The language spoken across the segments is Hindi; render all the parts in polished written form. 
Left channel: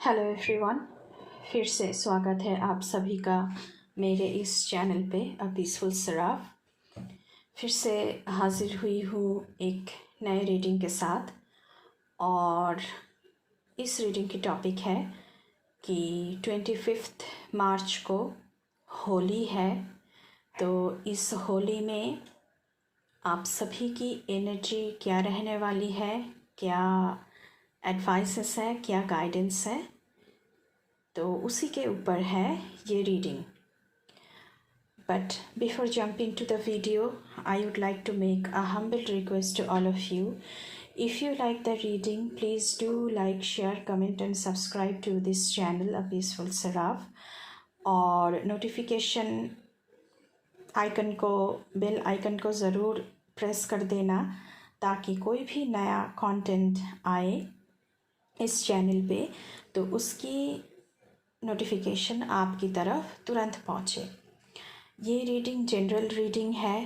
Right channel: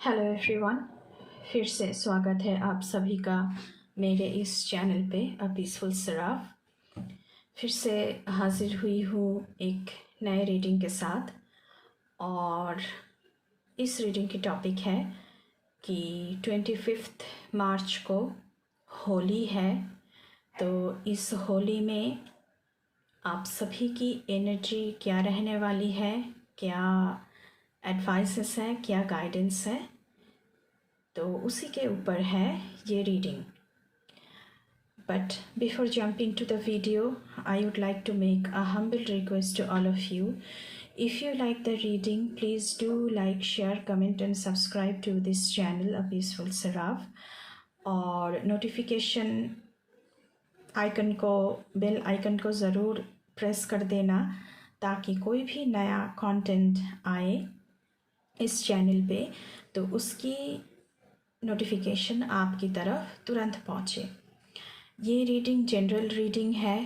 हेलो एवरीवन, फिर से स्वागत है आप सभी का मेरे इस चैनल पे अ पीसफुल सराफ। फिर से हाजिर हुई हूँ एक नए रीडिंग के साथ। और इस रीडिंग की टॉपिक है कि 25 मार्च को होली है। तो इस होली में आप सभी की एनर्जी क्या रहने वाली है, क्या एडवाइसेस है, क्या गाइडेंस है, तो उसी के ऊपर है ये reading. But before jumping to the video, I would like to make a humble request to all of you. If you like the reading, please do like, share, comment and subscribe to this channel, A Peaceful Seraph. और नोटिफिकेशन आइकन को, बेल आइकन को ज़रूर प्रेस कर देना ताकि कोई भी नया कंटेंट आए इस चैनल पे तो उसकी नोटिफिकेशन आपकी तरफ तुरंत पहुँचे। ये रीडिंग जनरल रीडिंग है।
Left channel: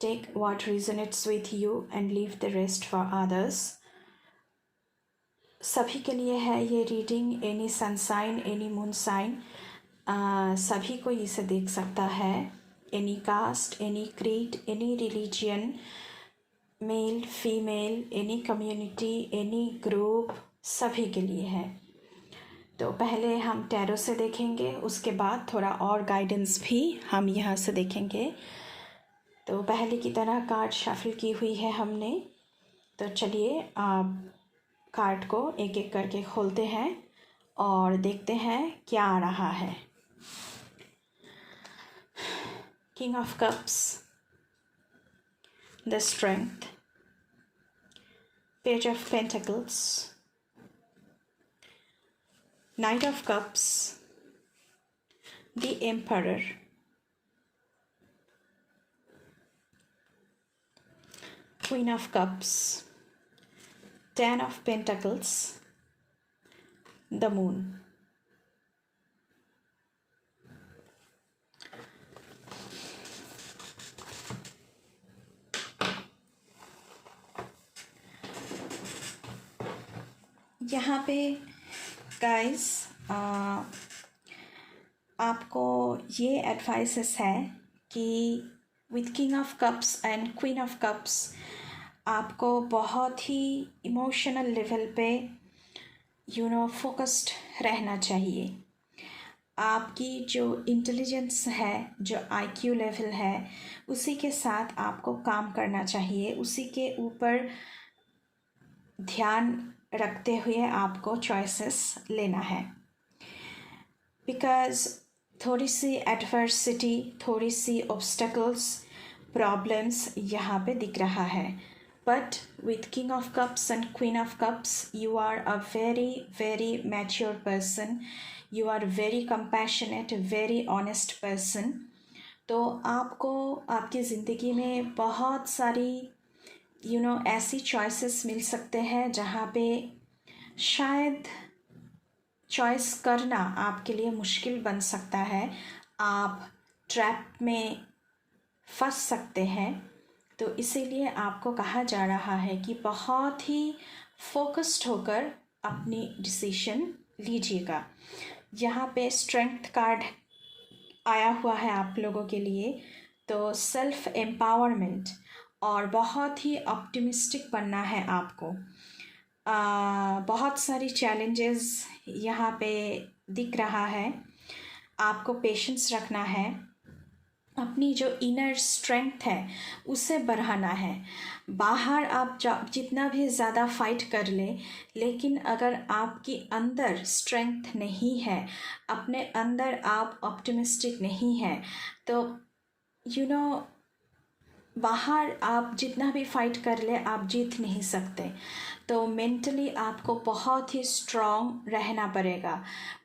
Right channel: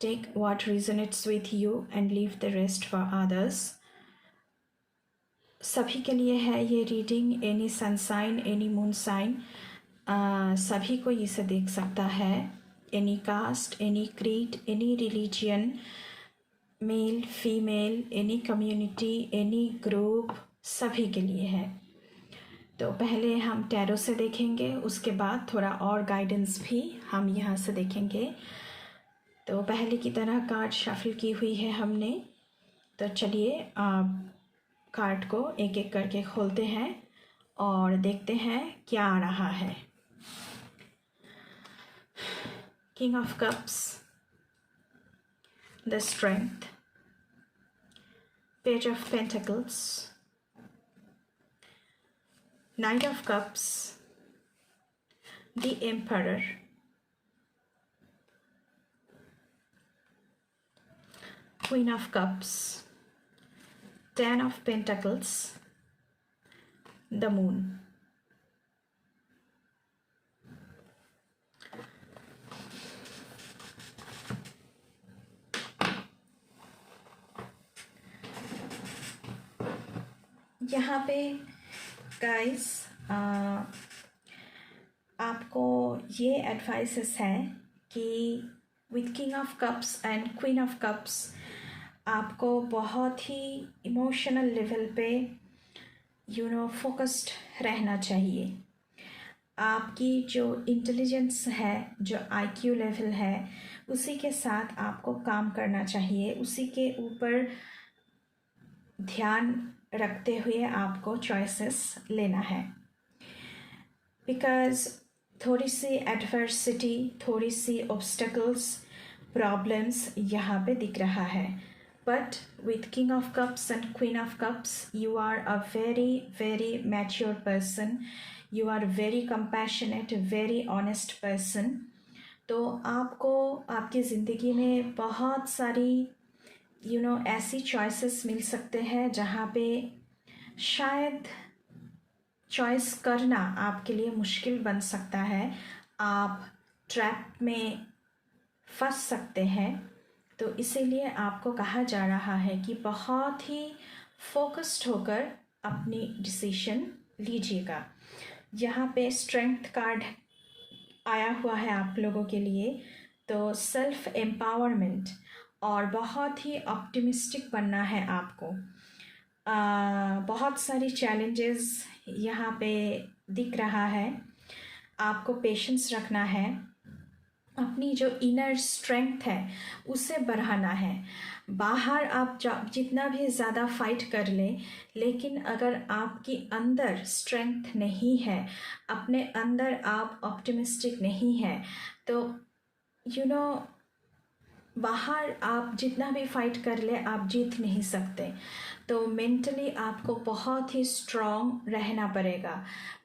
Take what resonates with you and leave the rest for others. सभी के लिए है ये reading. Any sun sign, any moon sign, सभी को इसे देख सकता है। Any caste, any creed, any religion, male female, any community, any group, सभी के लिए है। तो पहले हम टैरो से देखेंगे, उसके बाद थोड़ा और गाइडेंस भी हम यहाँ से देखेंगे। तो पहले की तरह कार्ड शफल की हुई है हमने। तो चलिए कार्ड को एक एक करके खोलते हैं और देखते हैं क्या आ रहा है। King of cups, the strength, page of pentacles, Knight of Cups, the Emperor, Queen of Cups, Ten of Pentacles, the Moon. यहाँ पे गाइस आपको ये एडवाइसेस है कि with king of cups and queen of cups आपको बहुत ही इमोशनल लेवल पे फोकस्ड रहना चाहिए। आपकी जो इंटेलिजेंस है, जो आईक्यू लेवल है, उसी के साथ आपको काम करना चाहिए। उसी के ऊपर ध्यान रखते हुए आपको चॉइसेस लेना है। बिकॉज थोड़ी सी एडवर्सिटी, थोड़ी सी ऑब्स्टेकल्स, प्रॉब्लम्स यहाँ पे दिख रहा है। But with king of cups and queen of cups you are a very very mature person, you are very compassionate, very honest person. तो आपको आपकी ज़िंदगी में बहुत सारी ऐसी चॉइसेस मिल सकते हैं जहाँ पे शायद चॉइस करना आपके लिए मुश्किल बन सकता है। आप ट्रैप में फंस सकते हैं। तो इसीलिए आपको कहा जा रहा है कि बहुत ही फोकस्ड होकर अपनी डिसीजन लीजिएगा। यहाँ पे स्ट्रेंथ कार्ड आया हुआ है आप लोगों के लिए। तो सेल्फ एम्पावरमेंट और बहुत ही ऑप्टिमिस्टिक बनना है आपको। बहुत सारी चैलेंजेस यहाँ पे दिख रहा है। आपको पेशेंस रखना है, अपनी जो इनर स्ट्रेंथ है उसे बढ़ाना है। बाहर आप जितना भी ज़्यादा फाइट कर ले, लेकिन अगर आपकी अंदर स्ट्रेंथ नहीं है, अपने अंदर आप ऑप्टिमिस्टिक नहीं है, तो बाहर आप जितना भी फाइट कर ले आप जीत नहीं सकते। तो मेंटली आपको बहुत ही स्ट्रॉन्ग रहना पड़ेगा।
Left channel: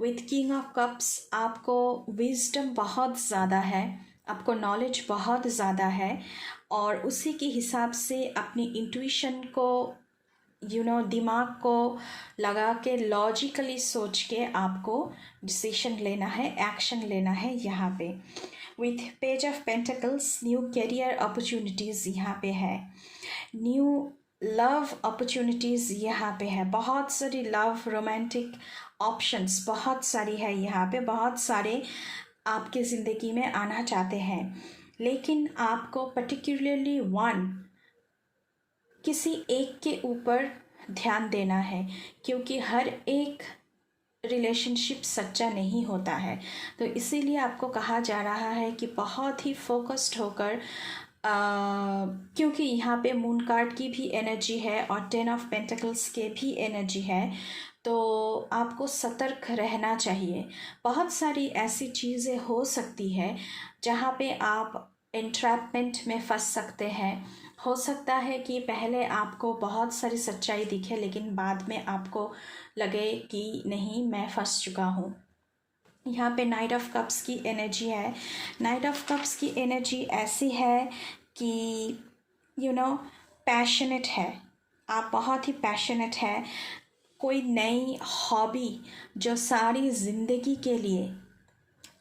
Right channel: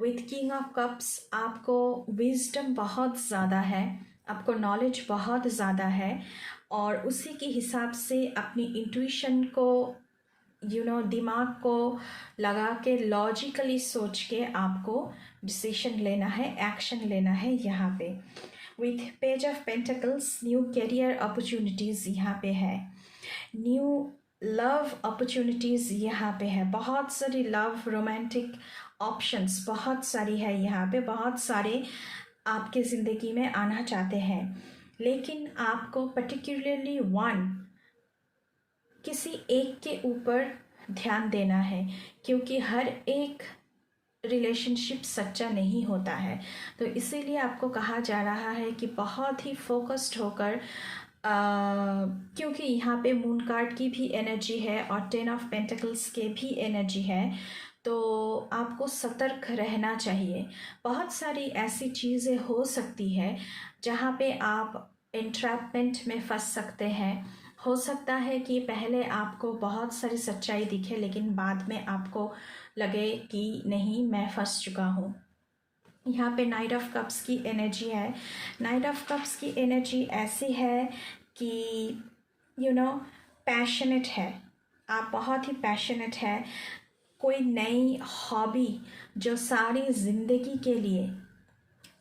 विथ किंग ऑफ कप्स आपको विजडम बहुत ज़्यादा है, आपको नॉलेज बहुत ज़्यादा है और उसी के हिसाब से अपनी इंट्यूशन को दिमाग को लगा के लॉजिकली सोच के आपको डिसीजन लेना है, एक्शन लेना है। यहाँ पे with page of pentacles new career opportunities यहाँ पे है। न्यू लव अपॉर्चुनिटीज़ यहाँ पे है, बहुत सारी लव रोमांटिक ऑप्शंस बहुत सारी है यहाँ पे, बहुत सारे आपके ज़िंदगी में आना चाहते हैं, लेकिन आपको पर्टिकुलरली वन किसी एक के ऊपर ध्यान देना है, क्योंकि हर एक रिलेशनशिप सच्चा नहीं होता है। तो इसीलिए आपको कहा जा रहा है कि बहुत ही फोकस्ड होकर क्योंकि यहाँ पे मून कार्ड की भी एनर्जी है और 10 ऑफ पेंटिकल्स के भी एनर्जी है, तो आपको सतर्क रहना चाहिए। बहुत सारी ऐसी चीज़ें हो सकती है जहाँ पे आप एंट्रैपमेंट में फंस सकते हैं। हो सकता है कि पहले आपको बहुत सारी सच्चाई दिखे, लेकिन बाद में आपको लगे कि नहीं, मैं फंस चुका हूँ। यहाँ पे नाइट ऑफ कप्स की एनर्जी है। नाइट ऑफ कप्स की एनर्जी ऐसी है कि पैशनेट है, आप बहुत ही पैशनेट है। कोई नई हॉबी जो सारी ज़िंदगी के लिए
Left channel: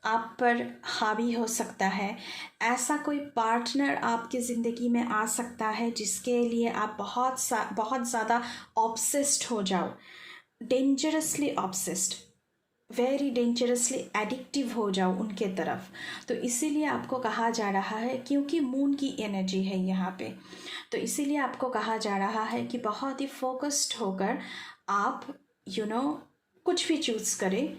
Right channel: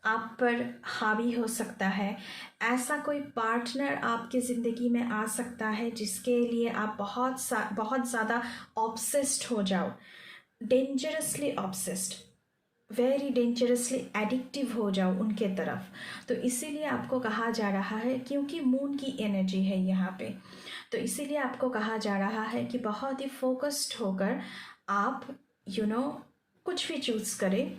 आप पर हावी हो सकता है, ऐसा कोई पार्टनर आपकी ज़िंदगी में आ सकता है जिसके लिए आप बहुत ज़्यादा ऑब्सेस्ड हो जाओ, dangerously obsessed, very dangerously addictive हो जाओ उनके तरफ। तो इसीलिए आपको कहा जा रहा है, क्योंकि मून की एनर्जी है यहाँ पे, तो इसीलिए आपको कहा जा रहा है कि बहुत ही फोकस्ड होकर आप कुछ भी चूज़ करें,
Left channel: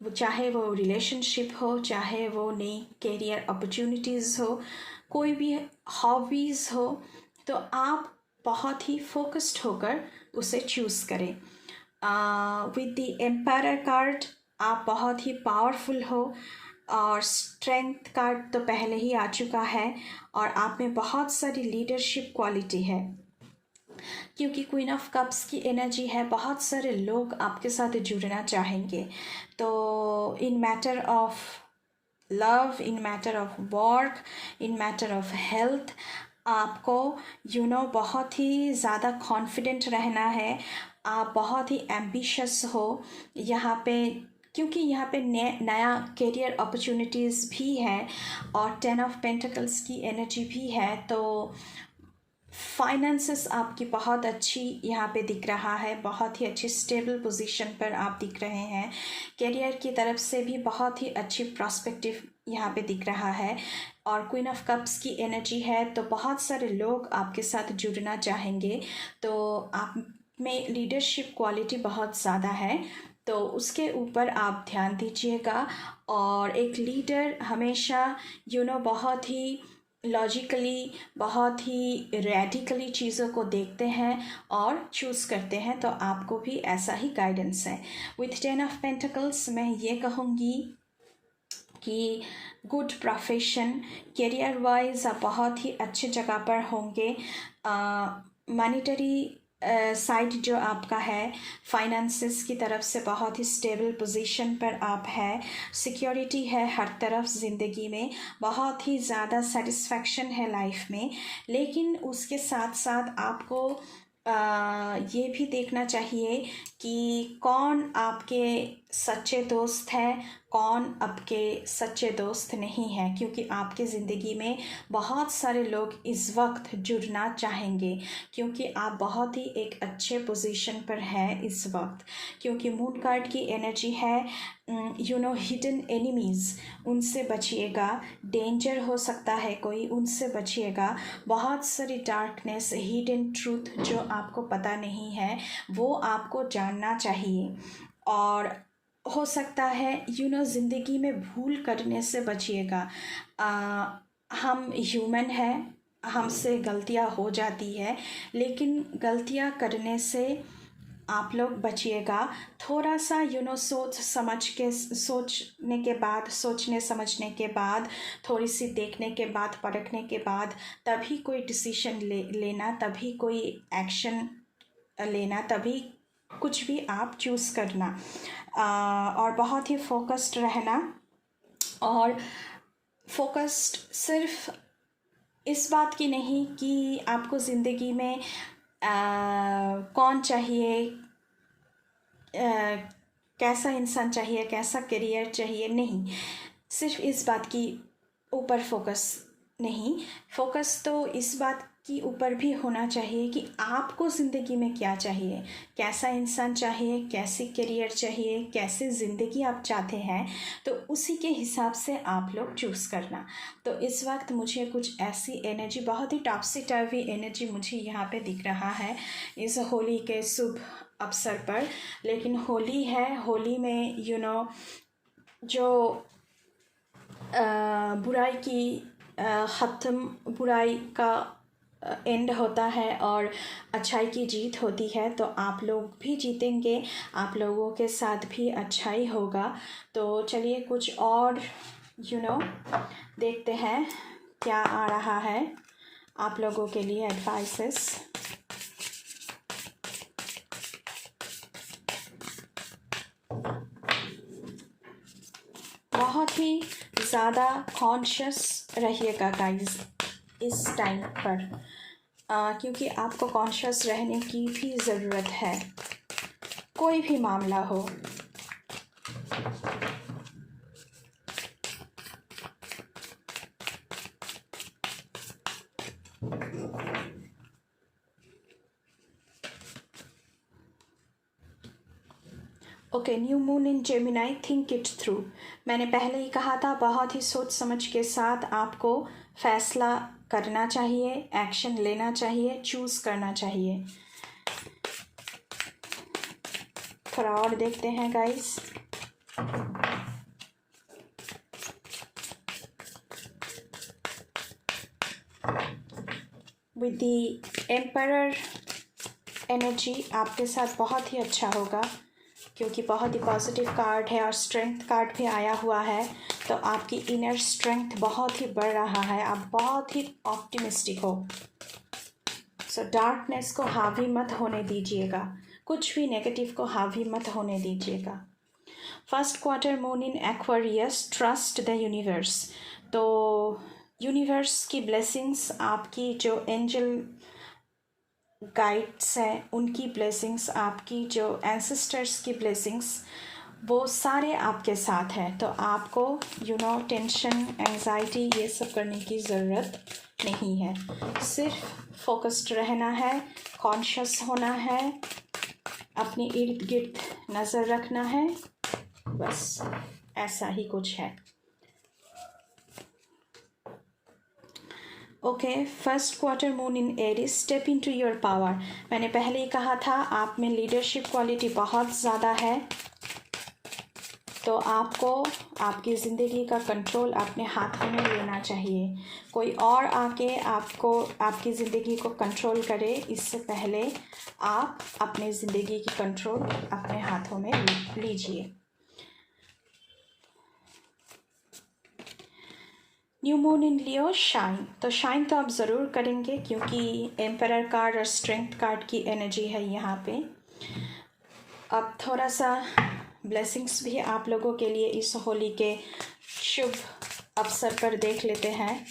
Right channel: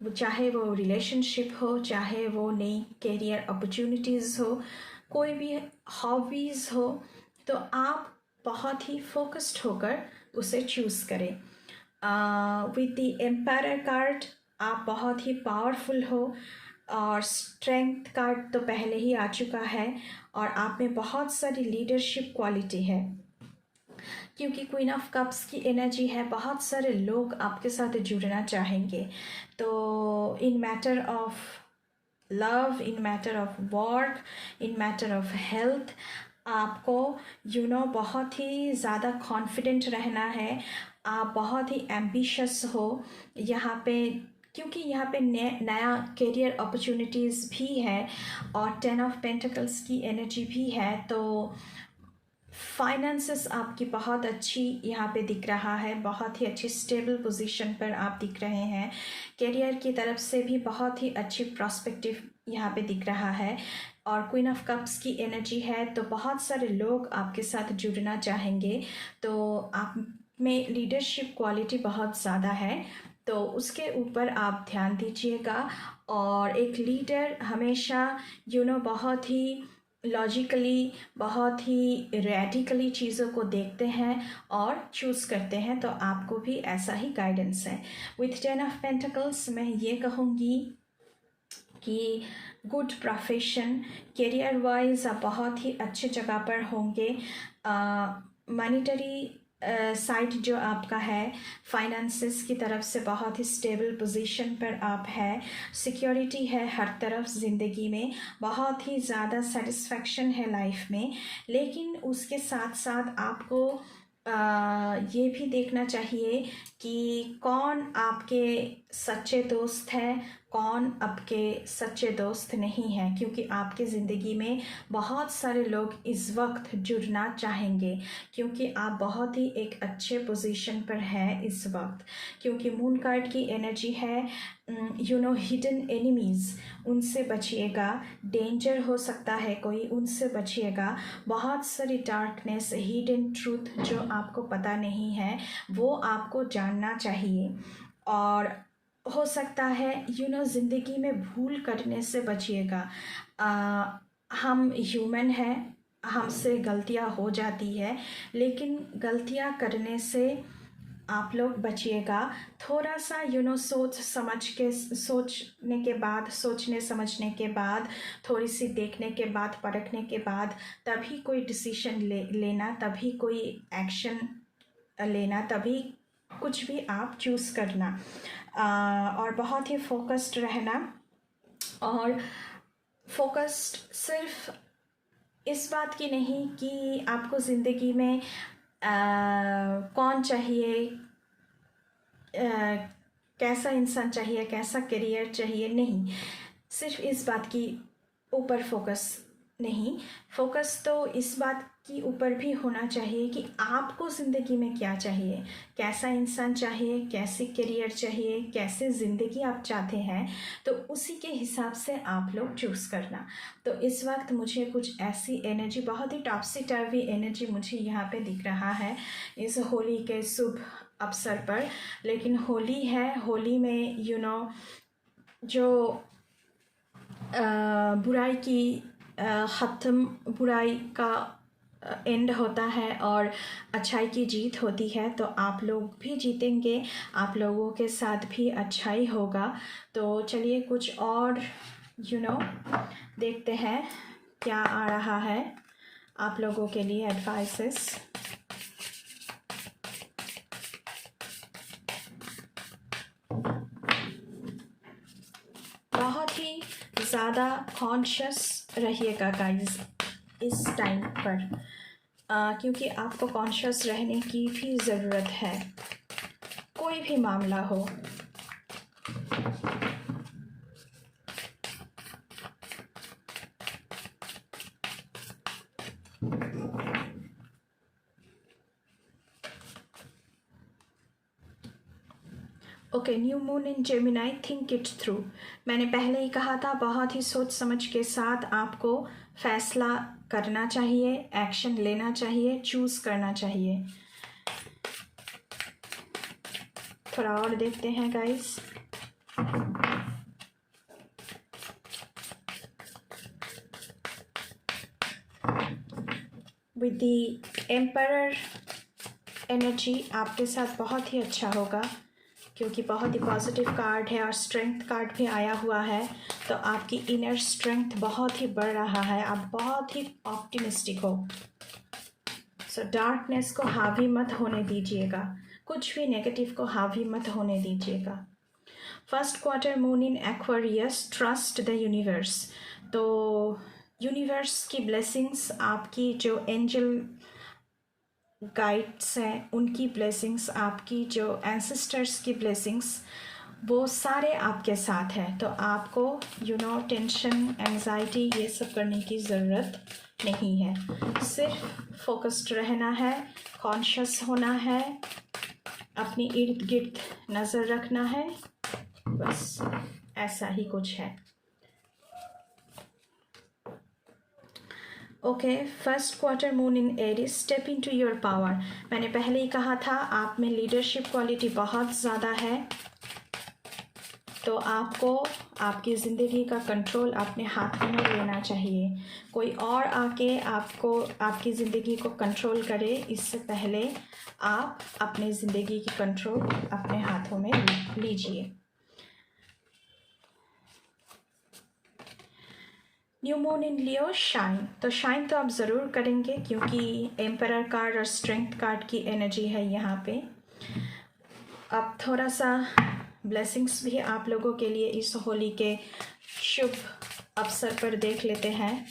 वो चाहे वो रिलेशनशिप हो, चाहे वो नई कैरियर अपॉर्चुनिटीज़ हो, कोई भी हॉबीज़ हो, तो आप बहुत ही फोकस्ड होकर उसे चूज़ करें। विद द एम्पायर कार्ड आप बहुत ही पावरफुल हो, और स्ट्रेंथ कार्ड तो पहले ही आ चुका है, और आप में बहुत सारी लीडरशिप क्वालिटी है, क्योंकि क्वीन ऑफ कप्स की एनर्जी है। बहुत सारे लोग आपके साथ जुड़ना चाहेंगे, तो इन matter of love, in matter of work, in matter of health, आपको बहुत ही ज़्यादा कॉन्फिडेंट रहना है। आप बहुत ही एम्बिशियस हो यहाँ पे, क्योंकि यहाँ पे नया करियर अपॉर्चुनिटीज़ भी है और 10 ऑफ पेंटिकल्स की एनर्जी भी है। तो फाइनेंसेस आपकी बहुत अच्छी यहाँ पे दिख रहा है, बहुत ही अच्छी स्टेबल पोजीशन पर आप दिख रहे हैं। करियर की तरफ से भी बहुत ही अच्छी प्रॉस्पेक्टिव यहाँ पे दिख रहा है, और क्वीन ऑफ कप्स की एनर्जी है, तो बहुत सारे लोग आपके साथ जुड़ना चाहेंगे। तो आप में लीडरशिप क्वालिटी बहुत ज़्यादा है, तो उसके ऊपर आप ध्यान दीजिएगा। और एक लीडर हमेशा बहुत ही लॉजिकली, बहुत ही रेडिकली चीज़ों को देखते हैं और चूज़ करते हैं, तो आपको भी ऐसा ही गाइडेंस है। विथ 10 ऑफ पेंटिकल्स मैं ये कहूँगी कि गुड प्रोफेशन, करियर वाइज आप बहुत ही अच्छे जगह पर होंगे। मॉनिटरी साइड जो आपका है, फाइनेंसेस की तरफ से बहुत ही स्टेबल पोजीशन पर आप है, सिक्योरिटी है हर तरफ ज़िंदगी में, बहुत ही ज़्यादा सेटिस्फैक्शन है लाइफ में। लेकिन उसके साथ साथ आपको ये भी देखना चाहिए कि कौन आपके सच्चे दोस्त हैं, कौन आपके सच्चे दोस्त नहीं हैं, क्योंकि आपके ज़िंदगी में बहुत सारे लोग इस वक्त जुड़ना चाहेंगे, क्योंकि आप बहुत ही एक अच्छे पोजीशन पर हैं इस वक्त। क्योंकि मून कार्ड की एनर्जी है हिडन एनिमीज़, उनसे बचिएगा। डेंजर हो सकता है कोई, उनसे बचिएगा। बहुत सारी डार्कनेस, हिडन ट्रूथ जो आपको पता नहीं है, वो आपको जानना चाहिए। और हो सकता है ज़िंदगी में भूल करने से बचिएगा। हम ह्यूमन हैं, हमसे गलतियां हो जाती है, लेकिन गलतियां करने से आप लोग बचिएगा। थोड़ा सा सोचने समझने के बाद, थोड़ी सी देखने के बाद, परखने के बाद तभी कोई डिसीजन लेना, तभी कोई एक्शन लेना, तभी कुछ भी आप चूज़ करना। और बहुत ही फोकस्ड रहना, और फोकस्ड सिर्फ इस बात की नहीं कि आपको ज़िंदगी में कौन चाहिए, कैसा इंसान चाहिए, कैसा करियर चाहिए, नहीं, सिर्फ इस बात की ऊपर फोकस नहीं, फोकस तो इस बात की ऊपर भी होना चाहिए कि आपको ज़िंदगी में क्या चाहिए, कैसा इंसान चाहिए, कैसी करियर चाहिए, कैसे ज़िंदगी आप चाहते हैं, तो उसी के हिसाब से आप लोग चूज़ करना। तो इस वक्त मुझे कुछ ऐसी एनर्जी, बहुत ही टॉपसी टाइपी एनर्जी मुझे यहाँ पे दिख रहा है इस होली के शुभ अवसर पर। लेकिन होली है, होली में जो बुराई की ख़त्म, बुराई का एंड होता है और अच्छाई की जीत होती है। तो आप लोग भी जीतेंगे, आप लोगों के साथ भी अच्छाई होगा। तो चलिए कुछ और देखते हैं क्या आ रहा है आप लोगों के लिए एडवाइसेस। बहुत ही ज़्यादा कॉन्शियस रहिएगा गाइस इस टाइम पर, क्योंकि आपको कॉन्शियस रहने की भी ज़रूरत है, कोई भी मामला हो। Okay, new moon in Gemini, think it through. मैंने पहले ही कहा था, बहुत ही सोच समझ के साथ आपको फैसला करना चाहिए, एक्शन लेना चाहिए, चूज़ करना चाहिए। थोड़ा और देखते हैं guys. With the emperor energy आपके साथ बहुत ही अच्छा होगा, क्योंकि बहुत ही पॉजिटिव कार्ड है और स्ट्रेंथ कार्ड भी आया हुआ है। तो आपकी इनर स्ट्रेंथ बहुत ही बढ़ रहा है, आप बहुत ही ऑप्टिमिस्टिक हो। सो डार्कनेस को हावी मत होने दीजिएगा, कुछ भी नेगेटिव को हावी मत होने दीजिएगा। First quarter moon in Aquarius, trust the universe. तो यूनिवर्स की ब्लेसिंग्स, आपकी जो एंजल गाइड्स हैं उनकी ब्लेसिंग्स, आपकी जो एंसेस्टर्स की ब्लेसिंग्स, वो सारे आपके साथ हैं। तो आपको टेंशन, एंजाइटी ये सब करने की ज़रूरत नहीं है। सिर्फ फोकस्ड रहना है, कॉन्शियस होना है, अपने इर्द गिर्द नज़र रखना है, बस ऐसा ही कुछ है। Okay, first quarter moon in Aries, step into your power. मैंने पहले ही कहा था, आप में लीडरशिप क्वालिटी बहुत ज़्यादा है। तो आपको आपकी ज़िंदगी का कंट्रोल अपने हाथों में लेना चाहिए। कोई और आके आपको, आपकी ज़िंदगी को कंट्रोल करे, इससे पहले आप अपनी ज़िंदगी की कंट्रोल अपने हाथों में लीजिए। New moon in Leo, shine. तो शाइन तो आप ज़रूर करेंगे, क्योंकि एम्परर कार्ड और स्ट्रेंथ कार्ड की एनर्जी है यहाँ पे। अब थोड़ा सा ब्लेसिंग्स भी आप लोगों के लिए इस होली के शुभ अवसर पर देख लेते हैं।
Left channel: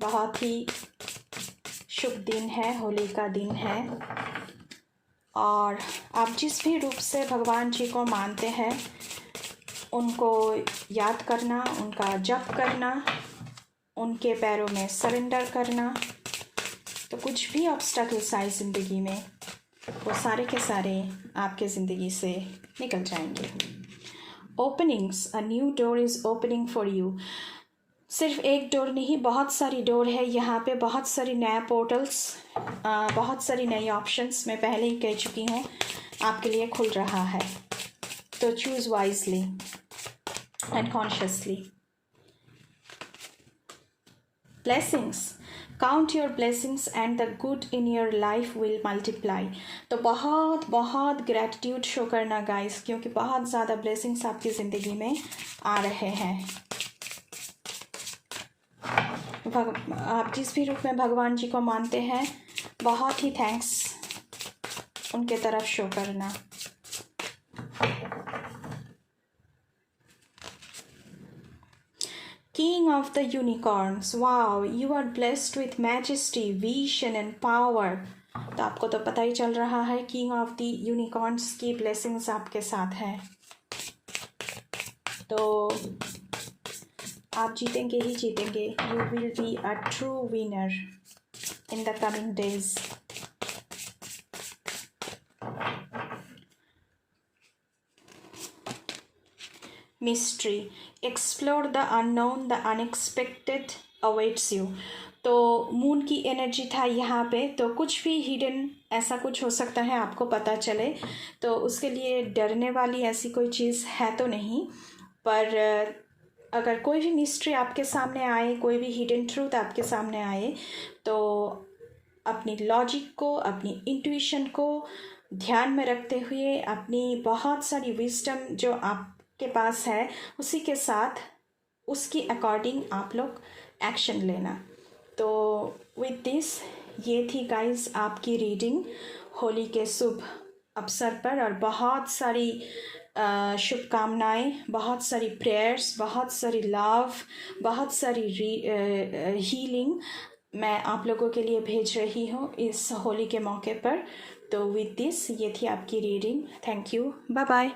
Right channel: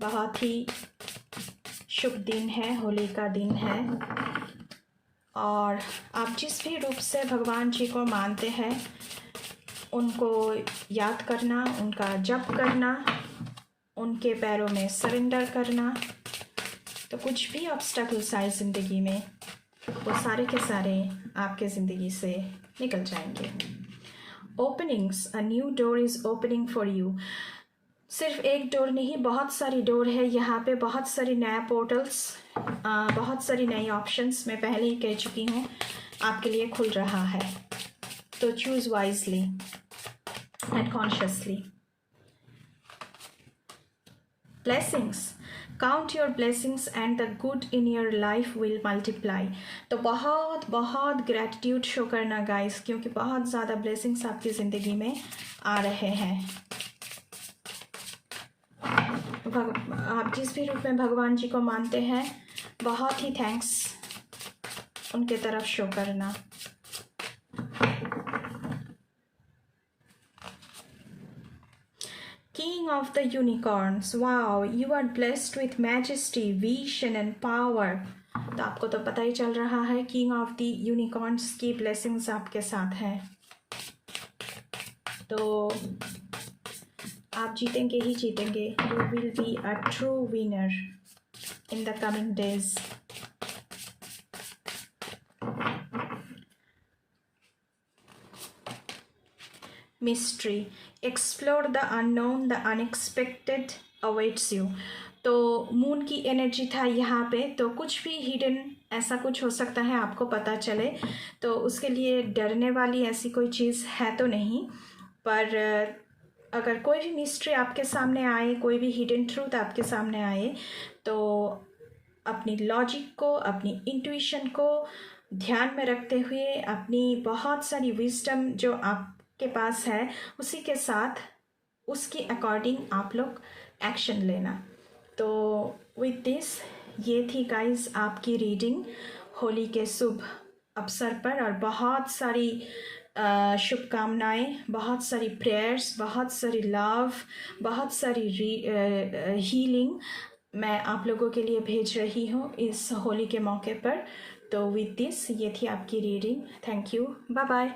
बहुत ही शुभ दिन है, होली का दिन है, और आप जिस भी रूप से भगवान जी को मानते हैं उनको याद करना, उनका जप करना, उनके पैरों में सरेंडर करना। तो कुछ भी ऑब्स्टैकल्स आए ज़िंदगी में, वो सारे के सारे आपके ज़िंदगी से निकल जाएंगे। Openings, a new door is opening for you. सिर्फ एक डोर नहीं, बहुत सारी डोर है यहाँ पे, बहुत सारी नया पोर्टल्स, बहुत सारी नई ऑप्शंस, मैं पहले ही कह चुकी हूँ, आपके लिए खुल रहा है। तो choose wisely and consciously. Blessings, count your blessings and the good in your life will multiply. तो बहुत बहुत ग्रैटिट्यूड शो करना गाइस, क्योंकि बहुत ज़्यादा ब्लेसिंग्स आपकी ज़िंदगी में आ रहे हैं। आप जिस भी रूप में भगवान जी को मानते हैं, बहुत ही थैंक्स उनके तरफ शो करना। King of the unicorns, wow, you are blessed with majesty, vision and power. तो आपको तो पता ही चल रहा है, किंग ऑफ द यूनिकॉर्न्स की ब्लेसिंग्स आपके साथ हैं। तो आप जीतेंगे ही जीतेंगे. You will be a true winner in the coming days. Mystery. Explore the unknown, the unexpected awaits you. तो मून की एनर्जी था यहाँ पे, तो कुछ भी हिडन ऐसा कुछ हो सकता है आपको पता चले, तो उसके लिए डरने वाली ऐसी कोई चीज़ है तो नहीं. पर अगर कोई भी मिस्ट्री आपके सामने आए, कोई भी हिडन ट्रूथ आपके सामने आए, तो अपनी लॉजिक को, अपनी इंट्यूशन को ध्यान में रखते हुए, अपनी बहुत सारी विजडम जो आपके पास है उसी के साथ, उसकी अकॉर्डिंग आप लोग एक्शन लेना. तो विद दिस, ये थी गाइस आपकी रीडिंग होली के शुभ अवसर पर, और बहुत सारी शुभकामनाएं, बहुत सारी प्रेयर्स, बहुत सारी लव, बहुत सारी हीलिंग मैं आप लोगों के लिए भेज रही हूँ इस होली के मौके पर. तो विद दिस, ये थी आपकी reading. Thank you. Bye bye.